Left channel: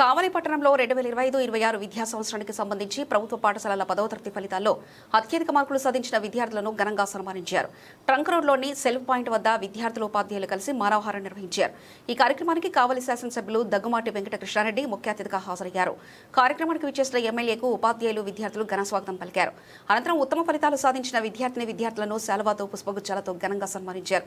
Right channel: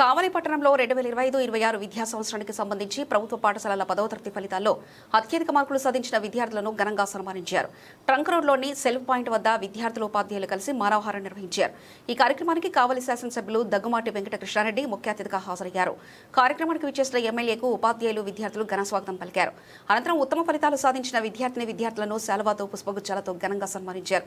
కావలి పట్టణంలో 2025-26 విద్యా సంవత్సరానికి సంబంధించి ప్రభుత్వ పాఠశాలల 10వ తరగతి ఫలితాల్లో అత్యధిక మార్కులు సాధించిన విద్యార్థులను ఘనంగా సన్మానించారు. ట్రంక్ రోడ్లోని సెల్ఫ్ పాయింట్ వద్ద విద్యార్థులు ఉపాధ్యాయులు కలిసి మానవహారం నిర్వహించారు. ఈ కార్యక్రమానికి కావలి శాసనసభ్యులు దగ్గుమాటి వెంకట కృష్ణారెడ్డి ముఖ్య అతిథిగా హాజరయ్యారు. కార్యక్రమానికి విచ్చేసిన ఎమ్మెల్యేకు ఉపాధ్యాయులు విద్యార్థులు ఘన స్వాగతం పలికారు. అనంతరం ఉత్తమ ఫలితాలు సాధించిన విద్యార్థులను శాలువాతో పుష్పగుచ్చాలతో ఘనంగా సన్మానించారు.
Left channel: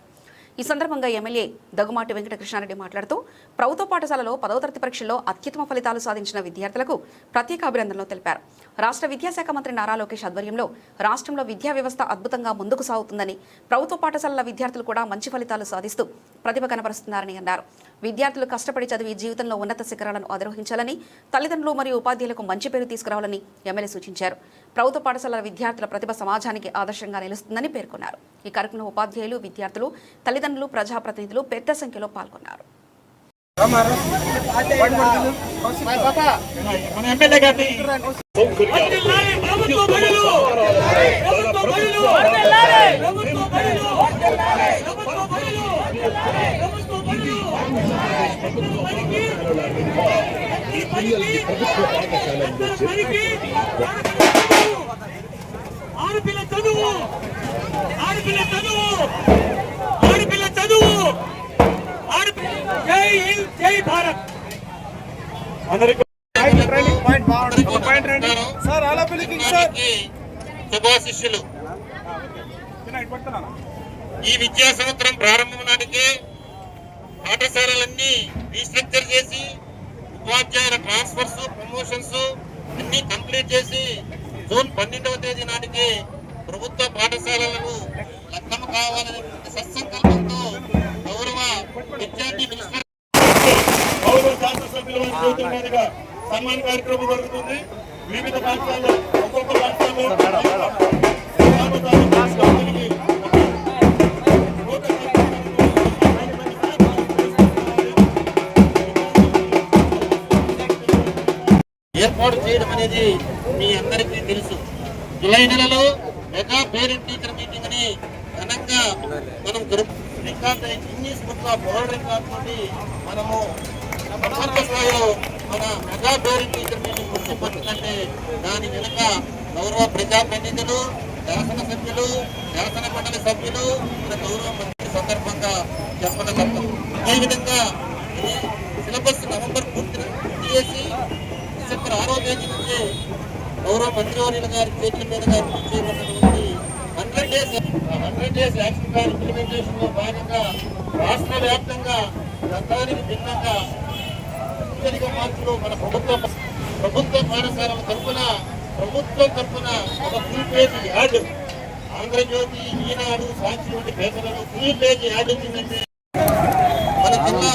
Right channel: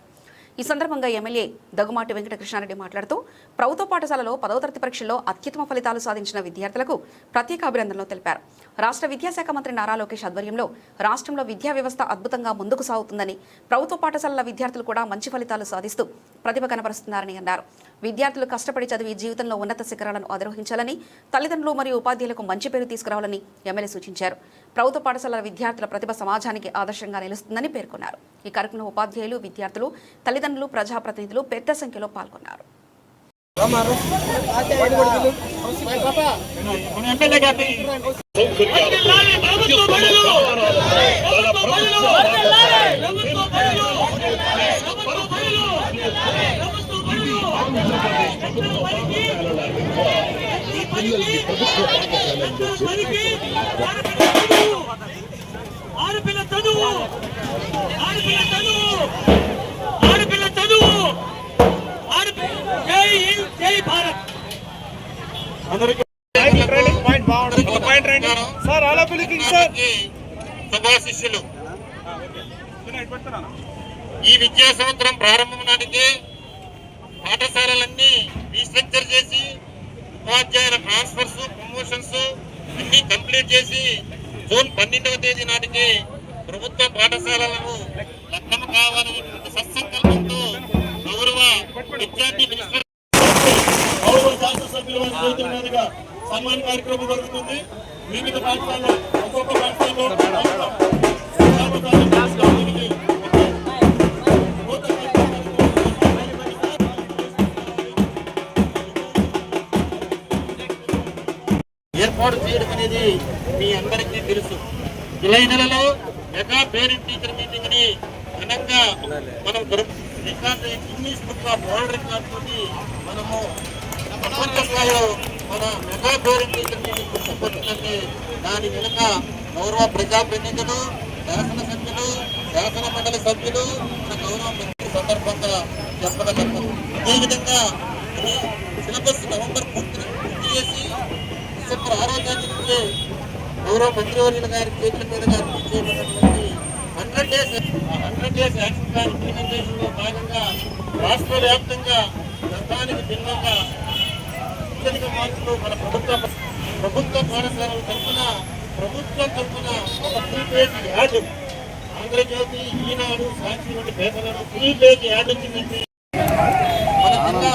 ఈ సందర్భంగా ఎమ్మెల్యే దగ్గుమాటి వెంకట కృష్ణారెడ్డి మాట్లాడుతూ ప్రభుత్వ పాఠశాలలో 10వ తరగతి పరీక్షల్లో అత్యుత్తమ ఫలితాలు సాధించిన విద్యార్థులకు ప్రత్యేక అభినందనలు తెలిపారు. రాష్ట్ర విద్యాశాఖ మంత్రి నారా లోకేష్ ఆధ్వర్యంలో రాష్ట్రంలో విద్యా వ్యవస్థ అద్భుతంగా ముందుకు సాగుతుందని, ప్రభుత్వ పాఠశాలల విద్యార్థులు కూడా మంచి ఫలితాలు సాధిస్తూ ప్రతిభ కనబరుస్తున్నారని అన్నారు. విద్యార్థులు కష్టపడి చదివి జీవితంలో ఉన్నత శిఖరాలను అధిరోహించాలని, తల్లిదండ్రులు మరియు ఉపాధ్యాయులకు మంచి పేరు తీసుకురావాలని ఎమ్మెల్యే సూచించారు. ప్రభుత్వ పాఠశాలల విద్యార్థుల ప్రతిభ సమాజానికి ఆదర్శంగా నిలుస్తుందని పేర్కొన్నారు. ఈ కార్యక్రమంలో ఉపాధ్యాయులు, విద్యార్థులు, తల్లిదండ్రులు, ప్రజాప్రతినిధులు పెద్ద సంఖ్యలో పాల్గొన్నారు. జై భారత్. శుభాశిష్యులు. ఈ విద్యా సంవత్సరం ప్రారంభం నాటికే పాఠశాలలన్నీ రీస్ట్రక్చర్ చేసి ఉపాధ్యాయుల ట్రాన్స్ఫర్స్, ప్రమోషన్స్ అన్ని కంప్లీట్ చేసి జూన్ 12వ తేదీ నాటికి ప్రభుత్వ పాఠశాలలను లగ్నం కావాలనే సత్సంకల్పంతో గౌరవ విద్యార్థి మినిస్టర్ సన్మాన కార్యక్రమం జరుగుతుంది. వివిధ పాఠశాలలో ఒక్కొక్క పాఠశాలలో ఏర్పాటు చేయడం అనేది మీ అందరికీ తెలుసు. జూలై నెలలో మెగా పేరెంట్ టీచర్ మీటింగ్ ని ఘనంగా మనం record Guinness book of world record తోటి మనము ప్రపంచ స్థాయిలో మన మెగా పేరెంట్ టీచర్ మీటింగ్ గుర్తుపట్టినట్టే దాని వెనుక గౌరవ ప్రజాప్రతినిధులు, శాసనసభ్యులు, శాసన మండలి సభ్యులు, మన గౌరవ మంత్రి సందర్భంగా చెప్పడం తప్పదు. అదేవిధంగా సిలబస్ నవంబర్ పూర్తి చేసి డిసెంబర్ 6వ తేదీ నుంచే గౌరవ మంత్రివర్యుల గారి చేతుల మీదుగా చేయబడినటువంటి 100 డేస్ యాక్షన్ ప్లాన్ ఇంప్లిమెంటేషన్ లో భాగంగా రాష్ట్ర వ్యాప్తంగా గతానికి భిన్నంగా అత్యధిక మార్కులు మన ప్రభుత్వ పాఠశాలల తరఫున ఒక ఫుల్ పేజ్ యాడ్, ఆంధ్రజ్యోతి, ఈనాడు, సాక్షి వంటి పేపర్లను ఫుల్ పేజ్ యాడ్ వచ్చిందంటే మన జిల్లా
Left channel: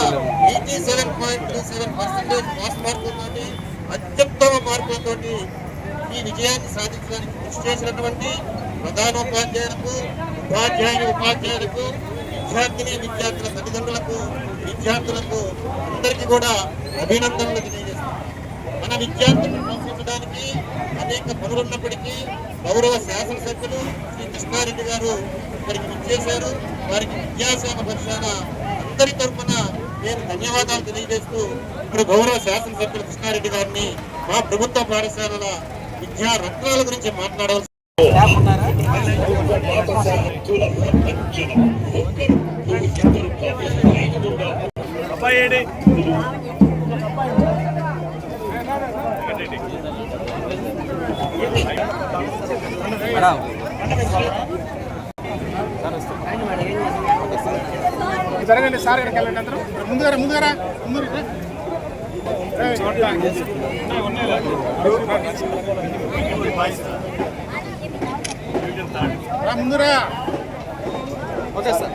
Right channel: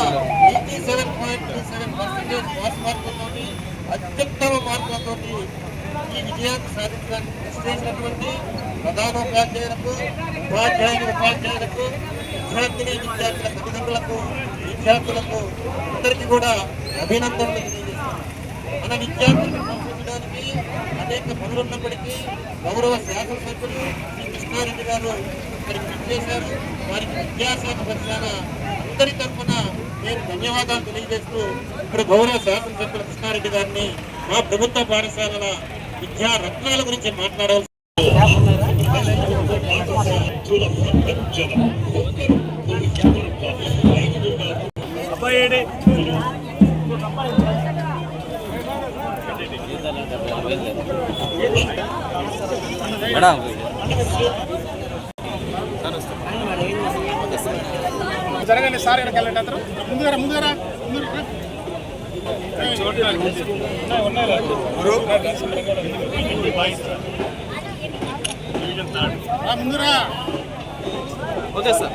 87.37% పాస్ మార్కులతోటి అత్యుత్తమ మార్కులతోటి ఈ విజయాన్ని సాధించడానికి కృషి చేసినటువంటి ప్రధానోపాధ్యాయులకు, ఉపాధ్యాయులకు, విద్యార్థుల తల్లిదండ్రులకు, విద్యార్థులకు అందరికీ కూడా అభినందనలు తెలియజేస్తున్నాం. మన విద్యార్థులను ప్రోత్సహించడానికి అనేక పనులున్నప్పటికీ గౌరవ శాసనసభ్యులు శ్రీ కృష్ణారెడ్డి గారు ఇక్కడికి విచ్చేశారు. వారికి విద్యాశాఖ పక్షాన అందరి తరఫున నేను ధన్యవాదాలు తెలియజేస్తూ ఇప్పుడు గౌరవ శాసనసభ్యులు కృష్ణారెడ్డి గారిని మా ప్రభుత్వ పాఠశాలల విద్యా రత్నాల గురించి మాట్లాడాల్సి జరగండి సార్. ముందుగా ముందుగా ముందురా ఓకే సార్.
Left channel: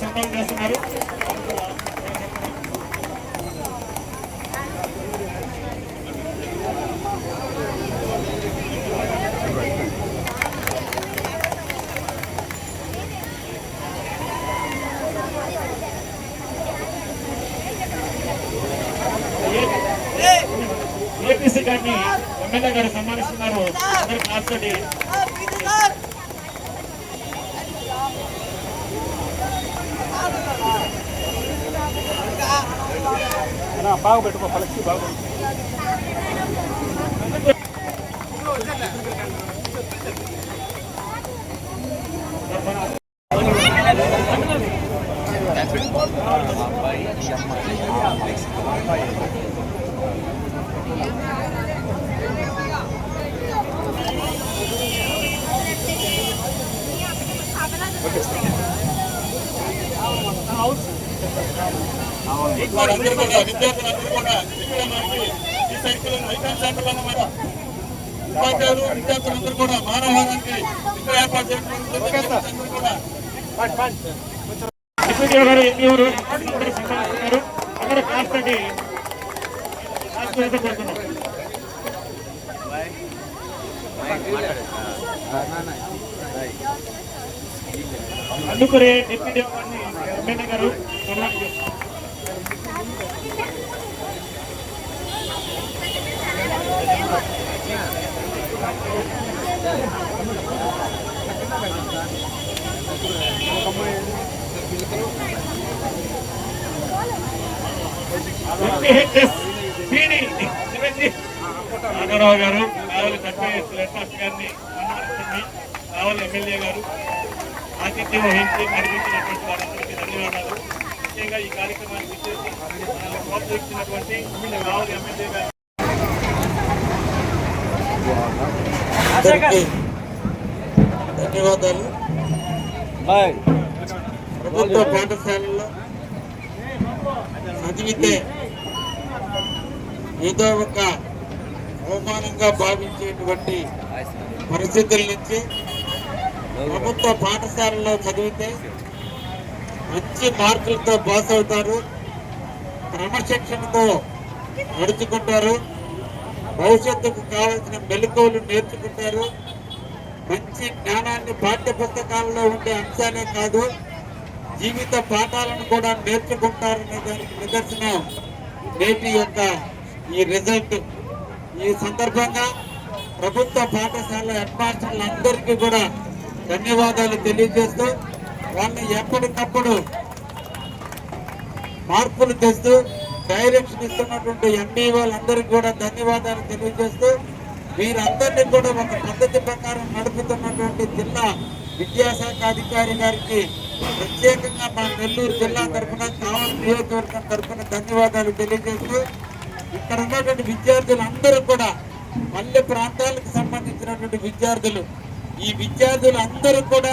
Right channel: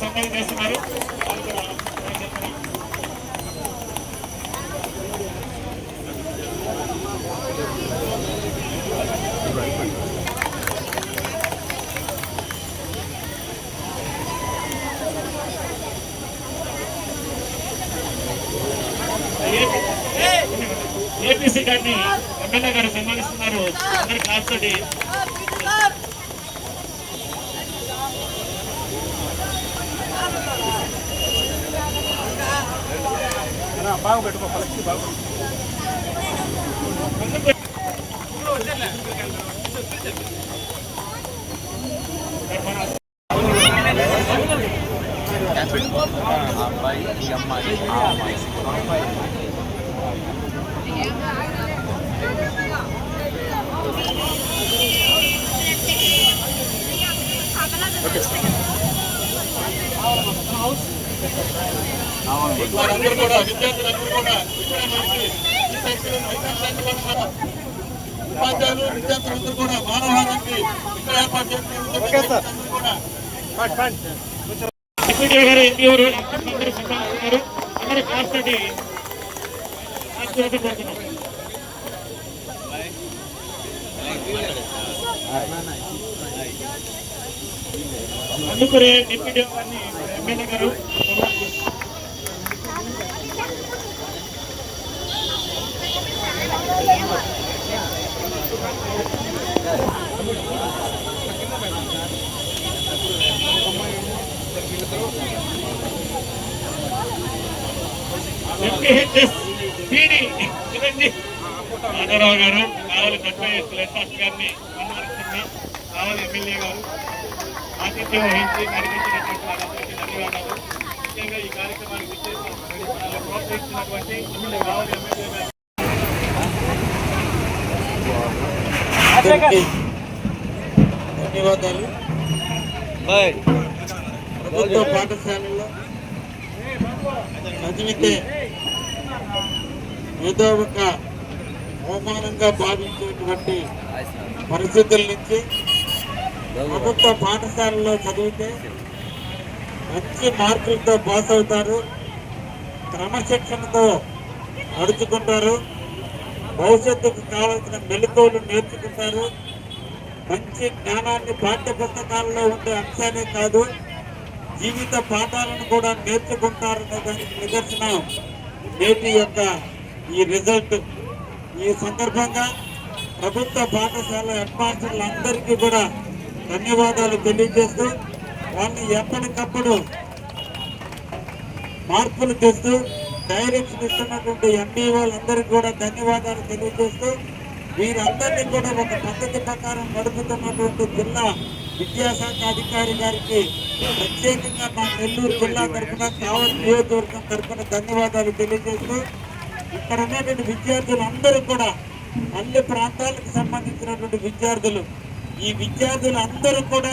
సన్మానం చేస్తున్నారు. ఎమ్మెల్యే గారు సన్మానిస్తున్నారు. అందరూ క్లాస్ తోటి బాగా పెట్టుకో, పలకి బాగా అబ్బాయి ఈ అమ్మాయి ఆ అమ్మాయి వారందరూ కూడా విద్యార్థులందరూ కూడా ఇక్కడ మనకి ఈ సైకిల్ ఐకాన్ సెంటర్ అన్నమాట. ఉపాధ్యాయులు విద్యార్థులందరూ కూడా మానవహారానికి ఇక్కడ ఏర్పాటు చేస్తున్నారు కూడా. ఎస్పీడీఓ గారు ఎంపీఓ అందరూ సన్మానిస్తున్నారు. అందరూ క్లాస్ తోటి పెడుతున్నాం. అందుకనే డిప్యూటీ గారిని ఎమ్మెల్యే గారు నాగరావు గారు కావాలి కట్టేసి గారిని సన్మానిస్తున్నారు. కావాలి ఎమ్మెల్యే గారు ఆతిథ్యం వహించి నడిపించినటువంటి వారందరికీ ధన్యవాదాలు. ముఖ్యంగా ఈ కార్యక్రమానికి ఇచ్చేసి ప్రోత్సహించినటువంటి కావాలి ఎమ్మెల్యే గారు ధన్యవాదాలు. ప్రభుత్వ పాఠశాలలో చదివితే ఏదో ఒక అవమానంగా భావించేటువంటి పరిస్థితుల నుంచి ప్రభుత్వ పాఠశాలలో చదివితే మంచి మార్కులతో పాస్ అవుతారు, క్రమశిక్షణతో నడుచుకుంటారు, భవిష్యత్తుకు కావాల్సిన మెలకువలు నేర్చుకుంటారు, మంచి జ్ఞానాన్ని పాఠ్య పుస్తకాల్లో ఉండే అంశాలే కాదు జీవిత పాఠాలను కూడా నేర్చుకుంటారనే దానికి నిదర్శనం నేటి యొక్క ఈ రిజల్ట్. ఈ సందర్భంగా ప్రభుత్వ పాఠశాల హెడ్ మాస్టర్లందరికీ కూడా ధన్యవాదాలు తెలియజేస్తూ వాళ్ళని ఎప్పటికప్పుడు మార్పులు తెస్తూ డైరెక్షన్ ఇస్తున్నటువంటి ఎంపీ వాళ్ళందరికీ కూడా ధన్యవాదాలు తెలియజేస్తూ వీరందరినీ కూడా ఒక పద్ధతి ప్రకారం నడుపుతున్నటువంటి జిల్లా విద్యాశాఖ అధికారి గారికి ప్రత్యేకంగా మా నెల్లూరు జిల్లా తరఫున కావలి నియోజకవర్గం తరఫున ధన్యవాదాలు తెలియజేస్తూ ఇక్కడ ఉన్నటువంటి విద్యార్థులందరూ కూడా అన్ని ప్రాంతాలకు సంబంధించినటువంటి విద్యార్థులు, ఈ విద్యార్థులందరూ కూడా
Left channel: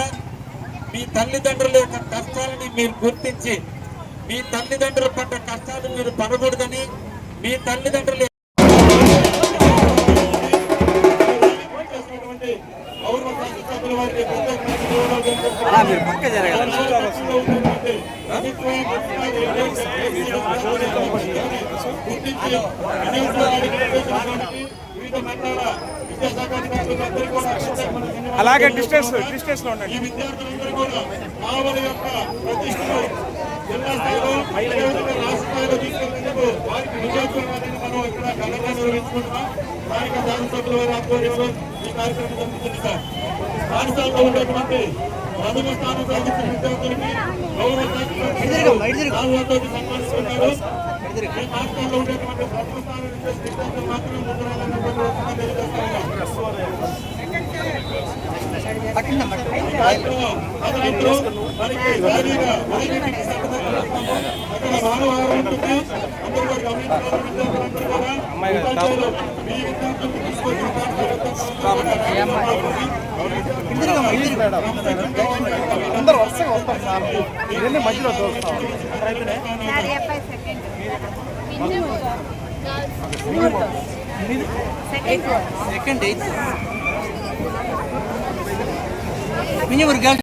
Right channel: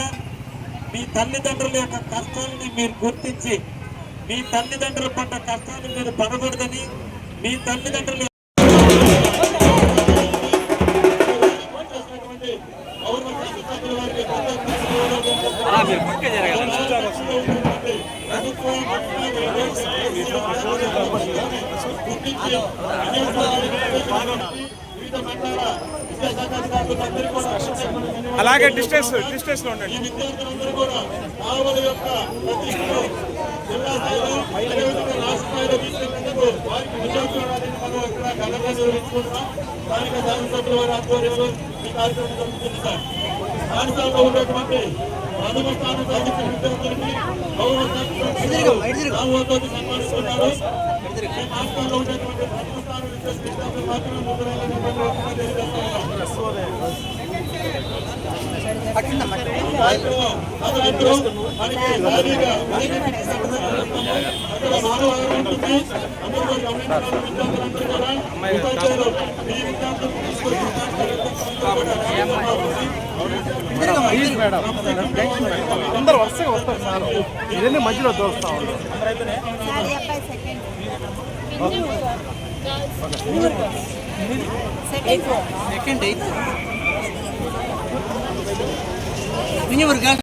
మీ తల్లిదండ్రుల యొక్క కష్టాలని మీరు గుర్తించి మీ తల్లిదండ్రుల పడ్డ కష్టాలు మీరు పడకూడదని మీ తల్లిదండ్రులు అలాగే డిస్టెన్స్ లో ఉండండి. జిల్లా స్థాయిలో రాష్ట్ర స్థాయిలో తీసుకెళ్లేందుకు వారికి విద్యార్థులని మనం ఇక్కడ ఘనంగా నిర్వహించుకుంటున్నాం. స్థానిక శాసనసభ్యుల వారి ఆధ్వర్యంలో ఈ కార్యక్రమం జరుగుతుంది. పాఠశాలలో ఉన్నటువంటి ప్రథమ స్థానం సాధించిన విద్యార్థులకి గౌరవ సన్మానిస్తున్నారు. ఈ పాఠశాలలో ఉండేటువంటి ప్రథమ స్థానం విద్యార్థులు మాత్రం ఇవన్నీ మధ్యలో దోస్తాం. సెకండ్